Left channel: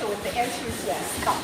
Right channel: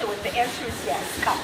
to it? The answer is yes. Come.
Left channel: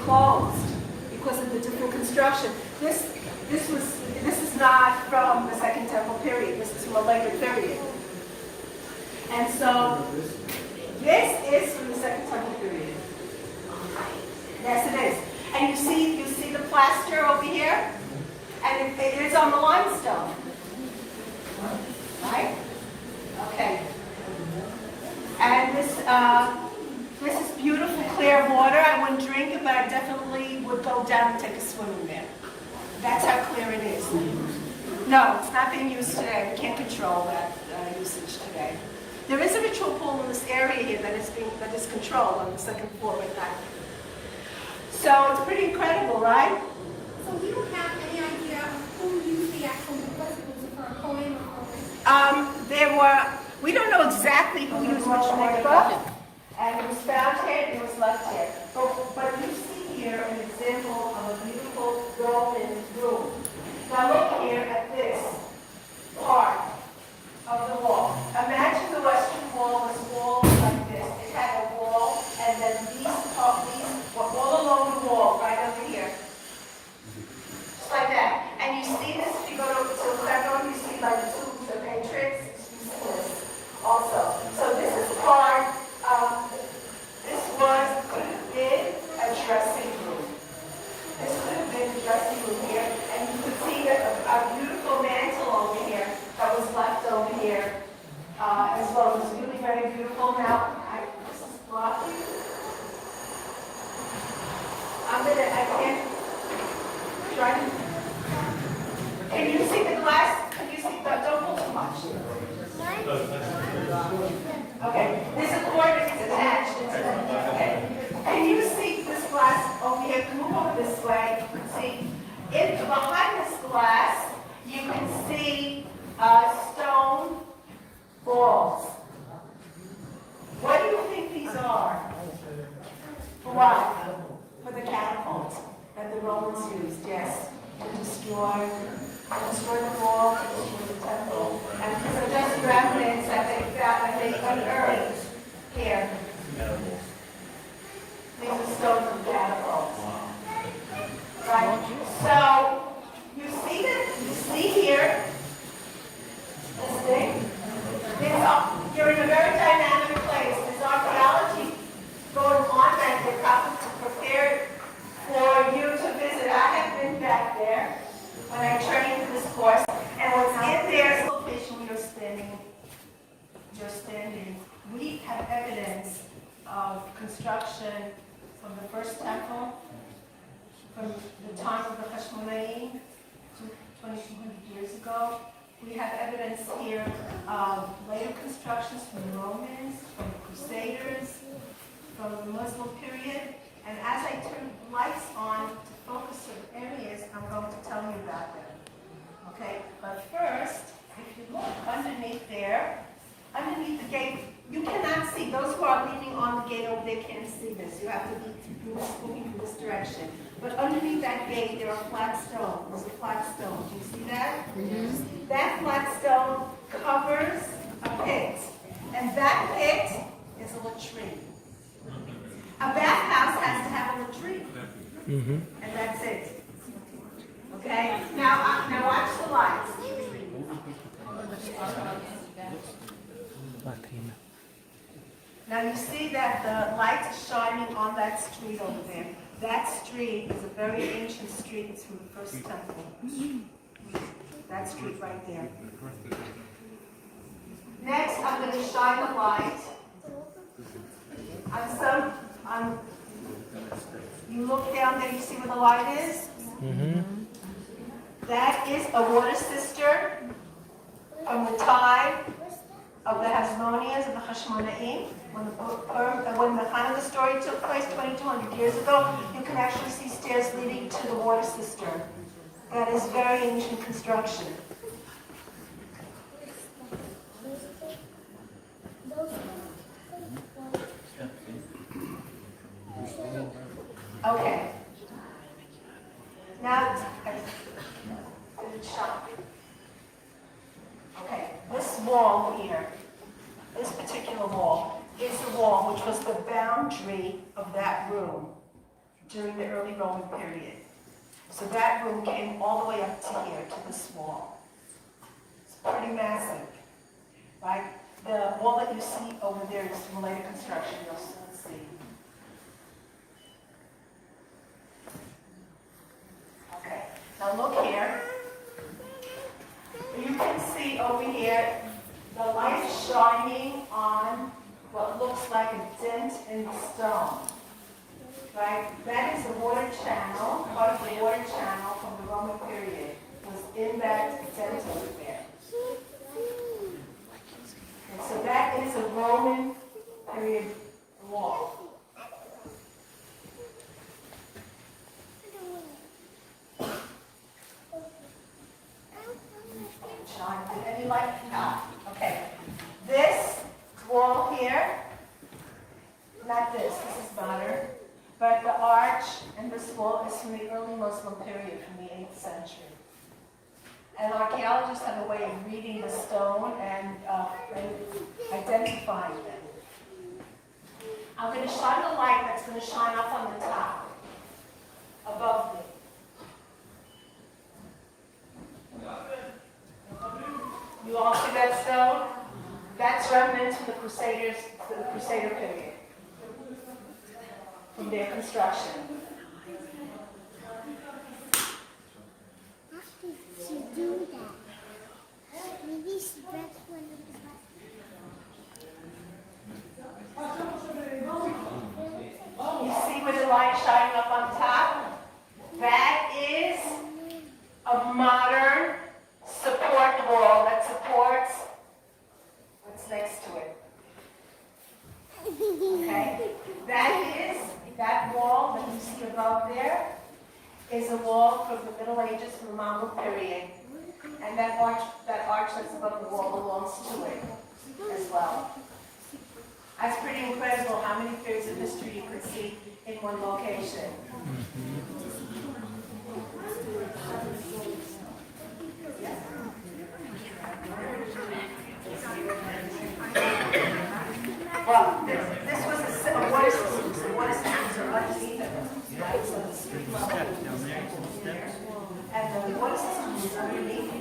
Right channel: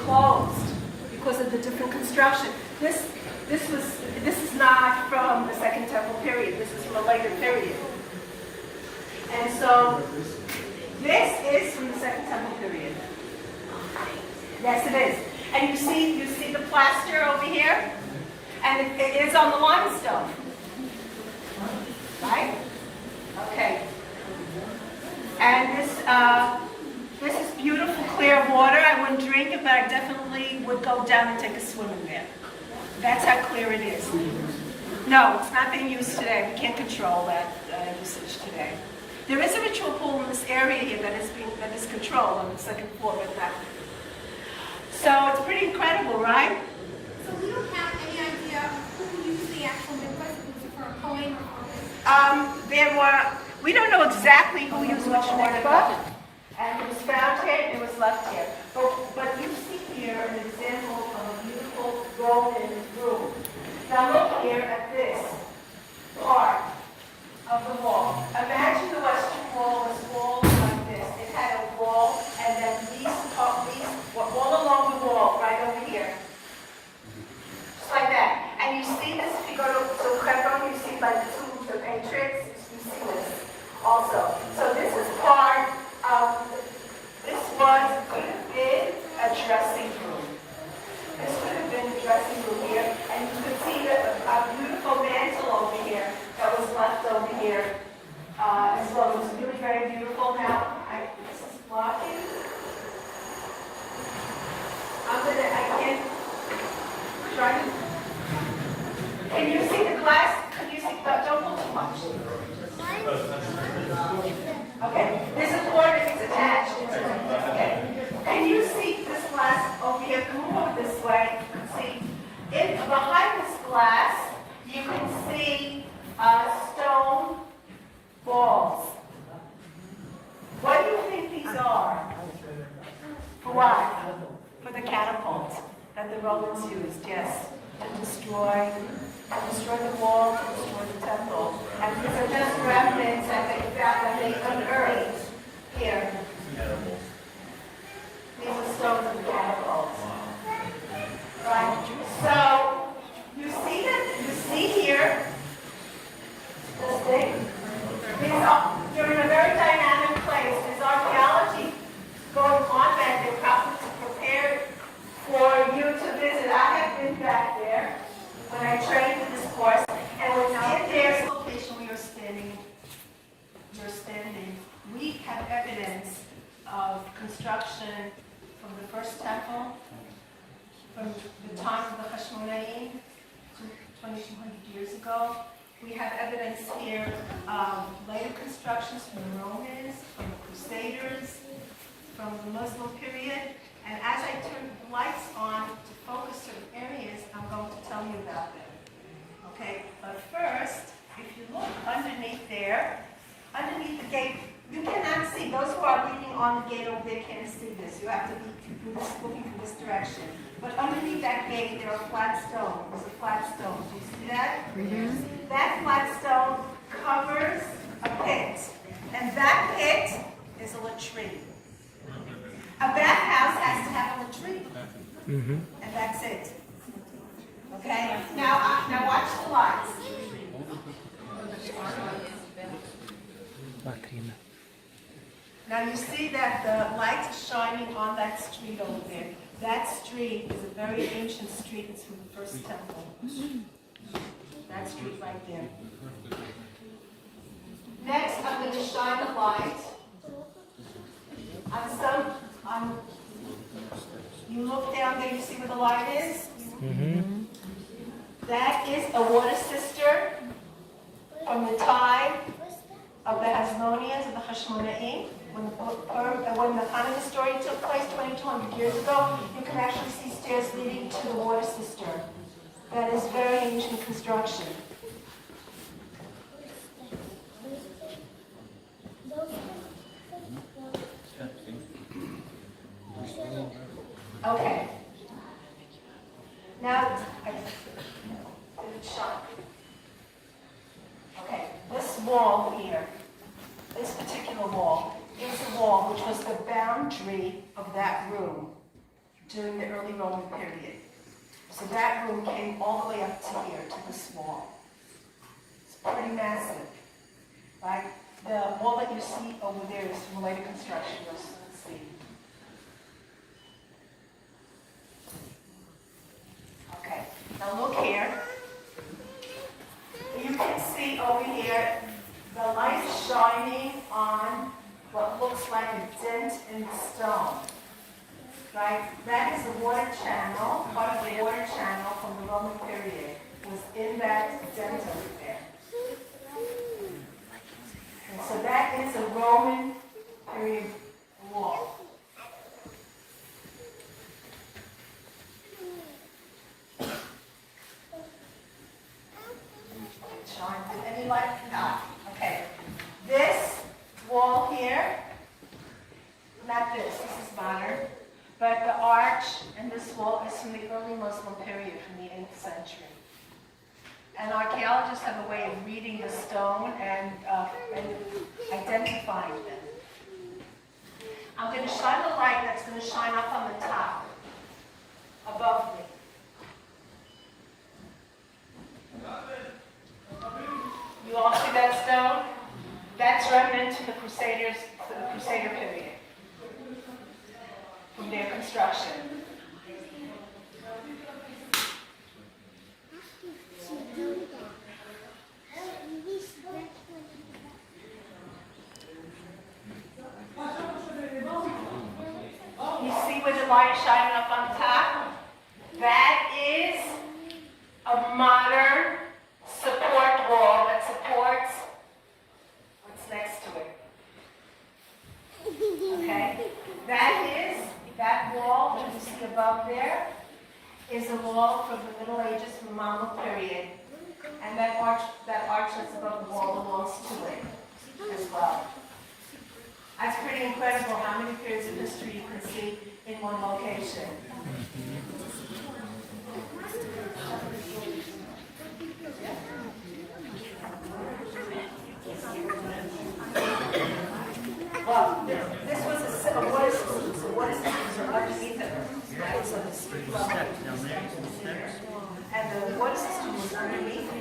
Closed because of the different construction. This is not from the Second Temple period. This is from a later period. And so this is from the Second Temple period. Yes, it is. And you see the plaster over here, and it is on the limestone, right? Okay. And this is beautiful, clear water. I wouldn't drink it, but I definitely would go down and take a swim in there. That's how clear it is. No, it's not being used today. We can't control that usage today. There is a ritual pool in this area here that is controlled on the second floor, but not. So it's pretty incredible, right? So we don't have any idea of who used the actual mikvah. Was it for a Kohen or We don't know exactly who used which mikvah. And it was found here, and it was left here. But you see here an example of a beautiful golden room. Now look here at this part of the wall. Imagine the Western Wall was walled like this. It had a wall, and then these all along the wall, right over here. Just like that. And you see this, if you go to Hebron, you see like the entrance, you see this also. So this is part this could have been a dressing room. This could have been a dressing room here, and you could see a beautiful mantle over here that was left over here as well. It was really very beautiful. Now, this is blocking. I can't try to. Can you see the glass? Can you see? Don't pull too much. Okay, there's a cord that's attached. Okay. And you see this glass over here, move over this way, you can see, behind this glass, you can see stone balls. What do you think these are? For what? For the catapult that the Romans used, yes, to destroy the wall, to destroy the temple. And these are just remnants that they found, that they unearthed here. These are stones of catapults. Right? So, you see here, this thing? They're in a very dynamic place. There's archaeology going on back there, probably prepared for you to visit. I have been back there when I trained in this course, and what's in there's location where you're standing, we have evidence of construction from the first temple, from the time of the Hashmonaim, 2,200 years ago. We have evidence here of later constructions from the Romans, from the Crusaders, from the Muslim period. And as I turn the lights on to focus certain areas, I'm going to tell you about them. Okay? But first, if you look underneath there, underneath the gate, you cannot see. Those who are leaning on the gate over there can't see this. You have to be looking from this direction. But underneath that gate, there are flat stones. There's a flat stone. Do you see that? Mm-hmm. That flat stone covers a pit. And that pit is a latrine. A bathhouse has to have a latrine. Mm-hmm. And that's it. Okay? Now watch the lights. Now you see that the light is shining on that street over there. That street is a very ancient street. It's from the first temple. That street right there. Next, I'm going to shine the light on you look down there, you see where the light is? Mm-hmm. That is a water cistern from the time of the Hasmoneans, of the Hashmonaim. when the Hanukkah story took place 2,200 years ago, you can actually see stairs leading to the water cistern. That is very ancient construction. Okay. Now, okay, this wall here, this particular wall, is the wall which was the boundary of that room during the early Roman period. So that room came all the way up to here, to this wall. It's pretty massive, right? The wall that you see over there is from later construction, you'll soon see. Okay, now look here. You can see over here the light shining on what looks like a dent in the stone. Right? That is the water channel, part of the water channel from the Roman period was in that dent over there. And so that is a Roman period wall. Shine. Any light? No. Okay. This wall here, not this. This is modern. But the arch and this wall is from the early Muslim period, from the 8th century. And archaeologists have a way of reading the stone and identifying them. I'm going to shine the light that's going to shine up on the top, above me. You all see that stone? That's remnant to the Crusader period, from their construction. You see where the light is shining up on top? That is a modern support wall that supports what's next to it. Okay? That wall that you see above there is a wall from the Middle Ages, from the Mamluk period. And that arch that's above the wall belongs to it as well. That's pretty incredible how many periods of history you can see in one location. Well, this was a water system, so water systems are underneath it, right? So the street level and the water system was underneath it.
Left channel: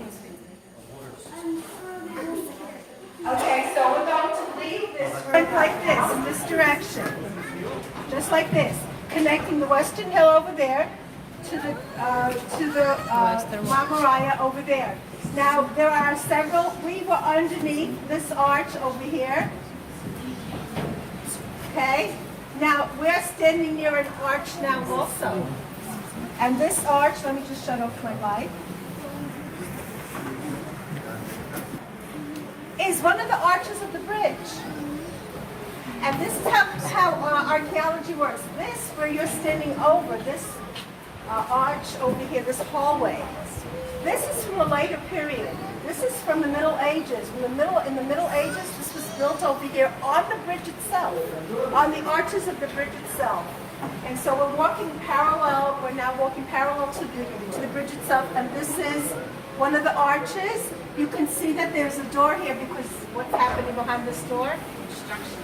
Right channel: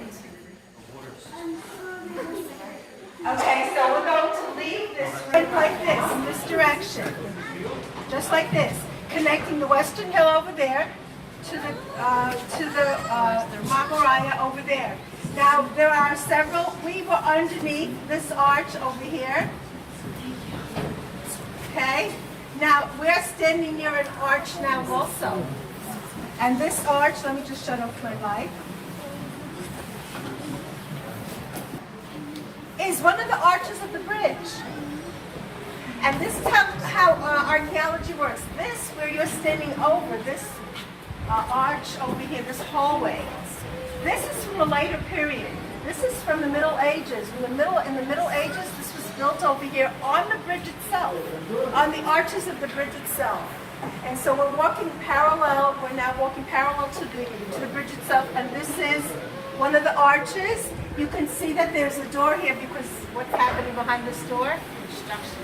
Okay, so we're going to leave this right like this, in this direction, just like this, connecting the Western Hill over there to the Marmaraya over there. Now there are several. We were underneath this arch over here. Okay. Now we're standing near an arch now also, and this arch. Let me just shut off my light. Is one of the arches of the bridge. And this is how archaeology works. This, where you're standing over, this arch over here, this hallway, this is from a later period. This is from the Middle Ages. In the Middle Ages, this was built over here on the bridge itself, on the arches of the bridge itself. And so we're walking parallel, we're now walking parallel to the bridge itself, and this is one of the arches. You can see that there's a door here because what's happening behind this door? Construction.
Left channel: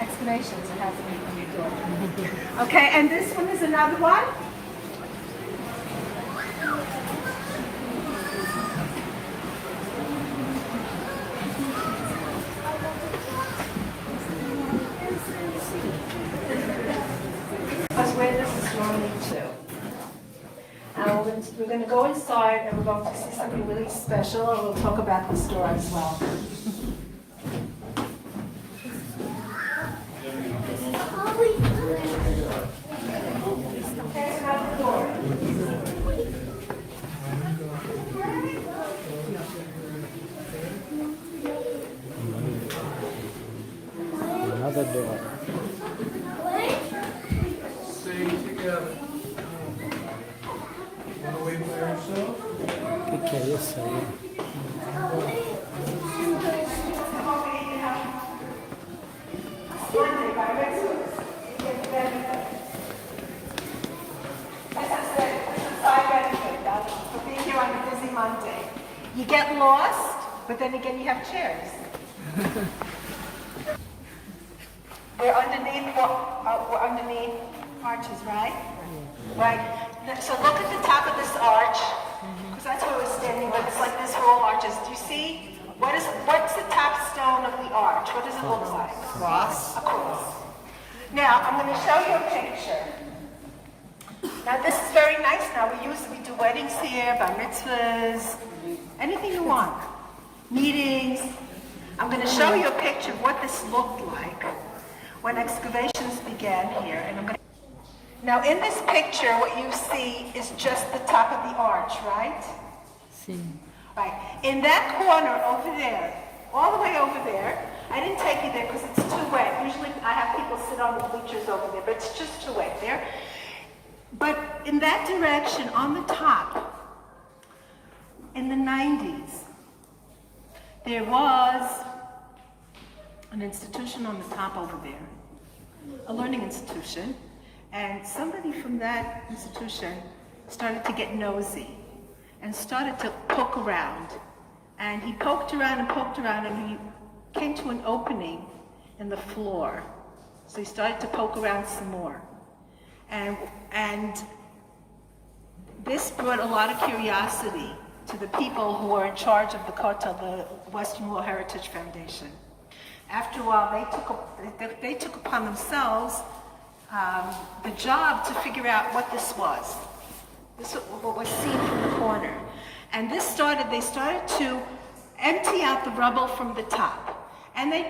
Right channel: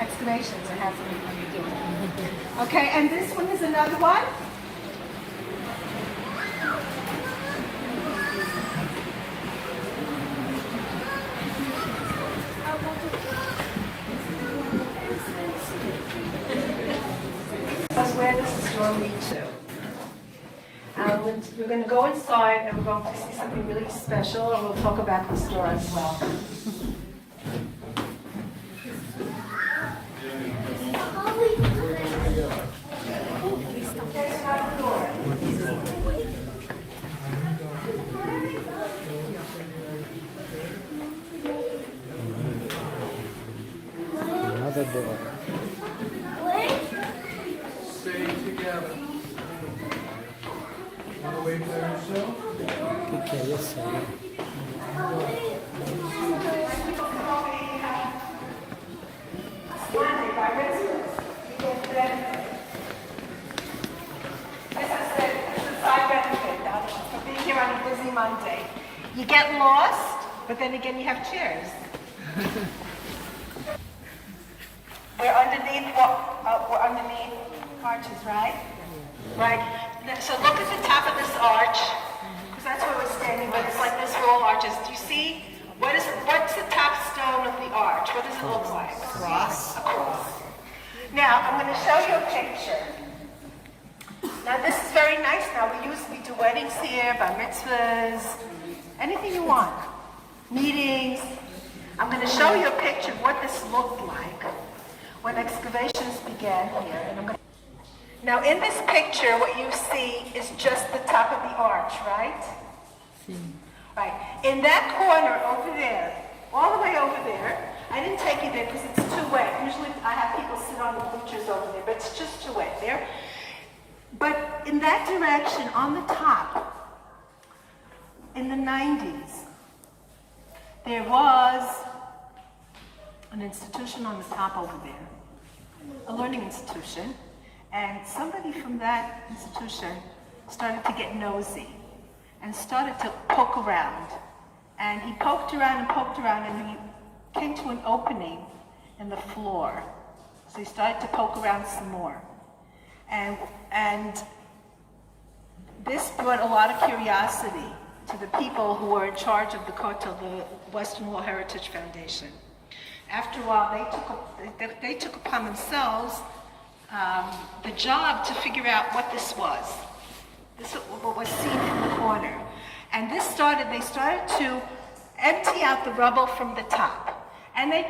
Excavations are happening on the door. Okay, and this one is another one. That's where this is going to lead to. We're going to go inside and we're going to see something really special, and we'll talk about the store as well. There's another door. Another door. stay together. Want to wait for yourself? Okay, yes, sir. This is side benefit for being here on a busy Monday. You get lost, but then again you have chairs. We're underneath arches, right? Right. So look at the top of this arch, because that's where we're standing. But it's like this roll arches. Do you see? What's the top stone of the arch? What does it look like? Cross. A cross. Now I'm going to show you a picture. Now this is very nice. Now we do weddings here, bar mitzvahs, anything you want, meetings. I'm going to show you a picture of what this looked like when excavations began here. And now in this picture, what you see is just the top of the arch, right? Right. In that corner over there, all the way over there, I didn't take you there because it's too wet. Usually I have people sit on the bleachers over there, but it's just too wet there. But in that direction, on the top, in the 90s, there was an institution on the top over there, a learning institution, and somebody from that institution started to get nosy and started to poke around. And he poked around and he came to an opening in the floor. So he started to poke around some more. And this brought a lot of curiosity to the people who were in charge of the Kotel, the Western Wall Heritage Foundation. After a while, they took upon themselves the job to figure out what this was. This was what was seen in the corner. And they started to empty out the rubble from the top. And they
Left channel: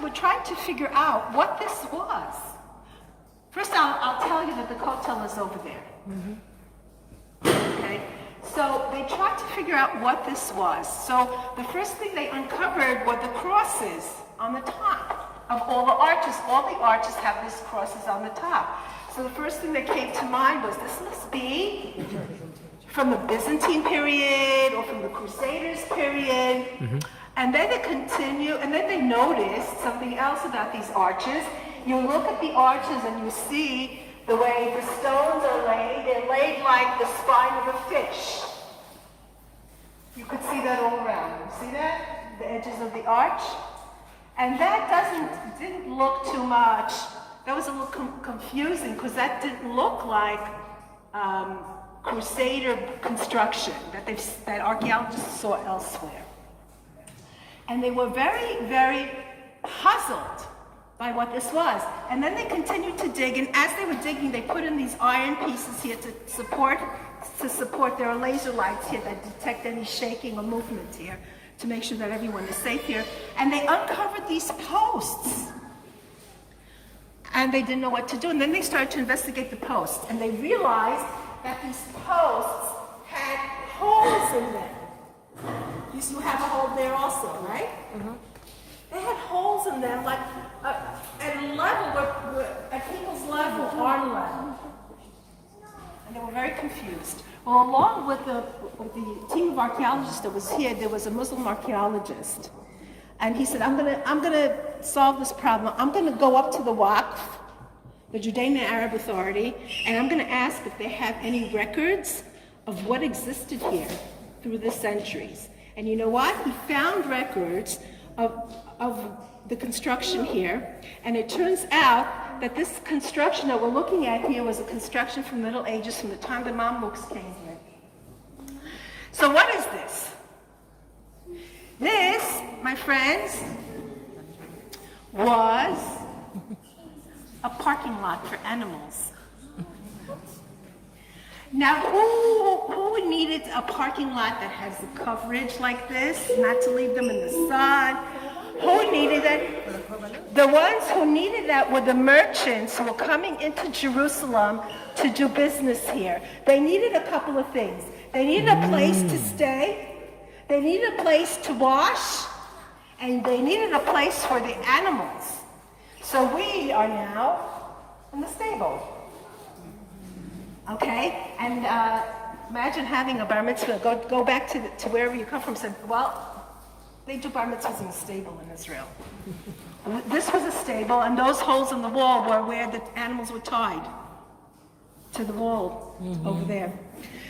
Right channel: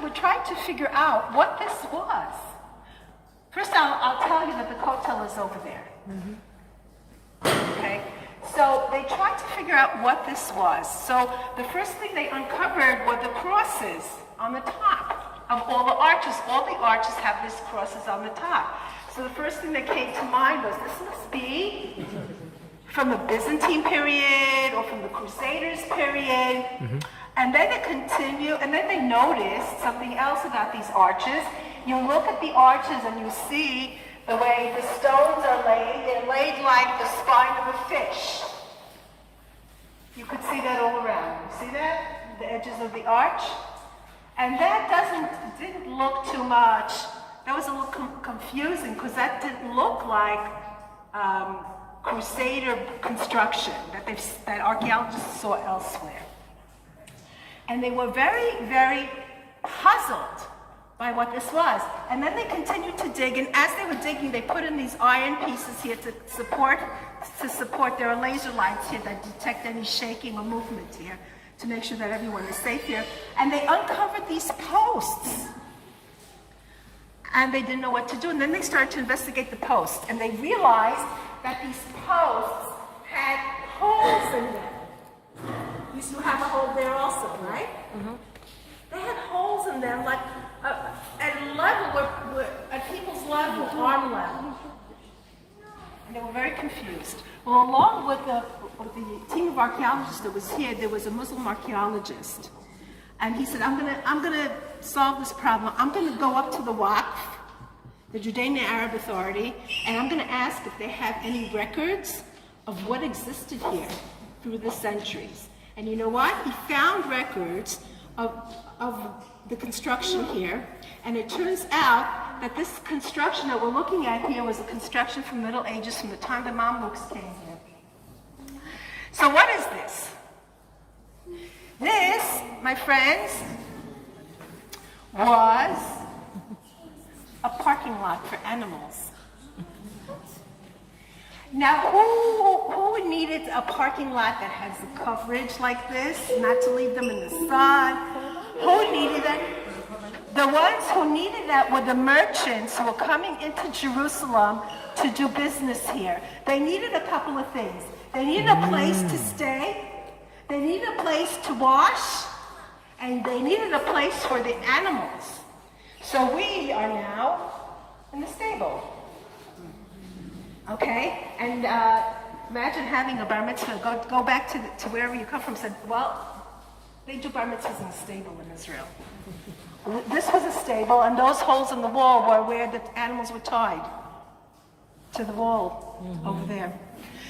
were trying to figure out what this was. First, I'll tell you that the Kotel is over there. Okay? So they tried to figure out what this was. So the first thing they uncovered were the crosses on the top of all the arches. All the arches have these crosses on the top. So the first thing that came to mind was this must be from the Byzantine period or from the Crusaders period. And then they continue, and then they noticed something else about these arches. You look at the arches and you see the way the stones are laid. They're laid like the spine of a fish. You could see that all around. You see that? The edges of the arch? And that didn't look too much. That was a little confusing because that didn't look like Crusader construction that archaeologists saw elsewhere. And they were very, very puzzled by what this was. And then they continued to dig, and as they were digging, they put in these iron pieces here to support. There are laser lights here that detect any shaking or movement here to make sure that everyone is safe here. And they uncovered these posts. And they didn't know what to do. And then they started to investigate the posts. And they realized that these posts had holes in them. You have a hole there also, right? They had holes in them, like at a level, at people's level, arm level. And they were very confused. Well, along with the team of archaeologists that was here, there was a Muslim archaeologist. And he said, I'm gonna solve this problem. I'm gonna go up to the Waqf, the Judean Arab Authority, and I'm gonna ask if they have any records of what existed here through the centuries. And you know what? He found records of the construction here, and it turns out that this construction that we're looking at here was a construction from the Middle Ages, from the time the Mamluks came here. So what is this? This, my friends, was a parking lot for animals. Now, who needed a parking lot that has the coverage like this, not to leave them in the sun? Who needed that? The ones who needed that were the merchants who were coming into Jerusalem to do business here. They needed a couple of things. They needed a place to stay, they needed a place to wash, and they needed a place for the animals. So we are now in the stable. Okay, and imagine having a bar mitzvah. Go back to wherever you come from. Said, well, they do bar mitzvahs in a stable in Israel. This was a stable, and those holes in the wall were where the animals were tied to the wall over there.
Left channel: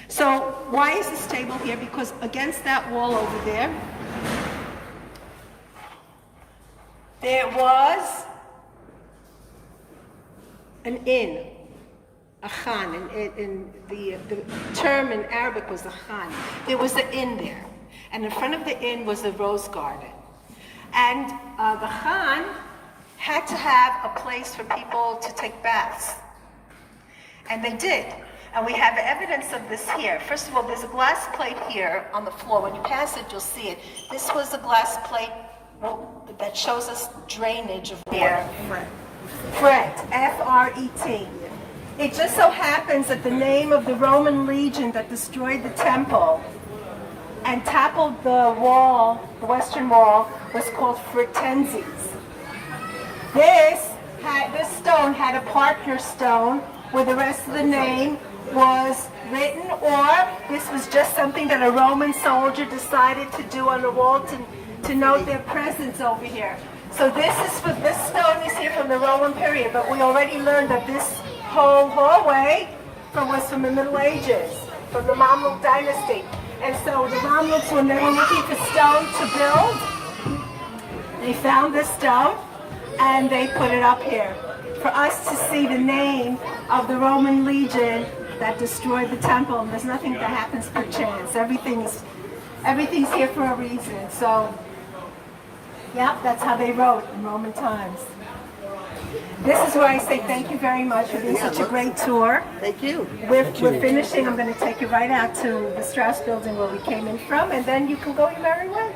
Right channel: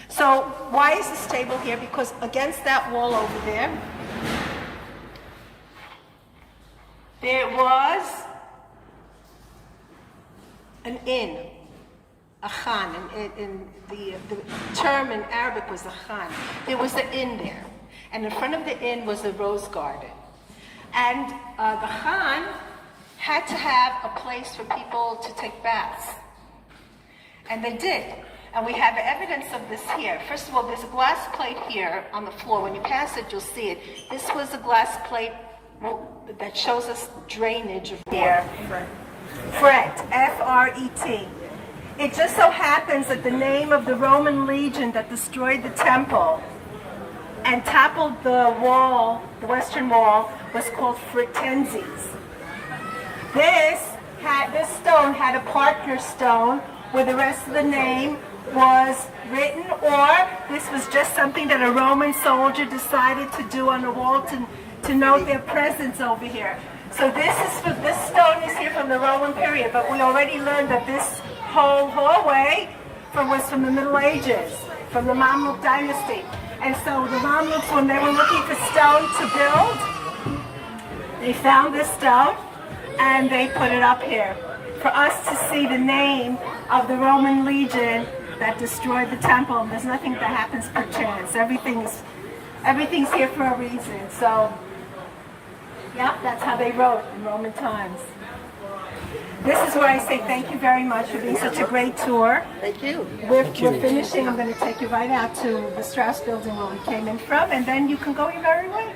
So why is the stable here? Because against that wall over there, there was an inn, a khan, and the term in Arabic was a khan. There was an inn there, and in front of the inn was the rose garden. And the khan had to have a place for people to take baths. And they did. And we have evidence of this here. First of all, there's a glass plate here on the floor. When you pass it, you'll see it. This was a glass plate that shows us drainage of here. Fret, F-R-E-T. It just so happens that the name of the Roman legion that destroyed the temple and toppled the wall, the Western Wall, was called Fritenses. This stone had a partner stone where the rest of the name was written, or this was just something that a Roman soldier decided to do on the wall to note their presence over here. So this stone is here from the Roman period, but we already learned that this whole hallway was from the Middle Ages, from the Mamluk dynasty. And so the Mamluks, when they were looking for stone to build, they found this stone and they put it up here for us to see the name of the Roman legion that destroyed the temple. And there's nothing that happens per chance. Everything's here for a reason. So, yep, that's how they wrote in Roman times. This is where I say thank you very much for being such a great tour. Thank you. We're finishing. I'm going to take you right out to the Strauss building where we came in from, and then you can go your merry way.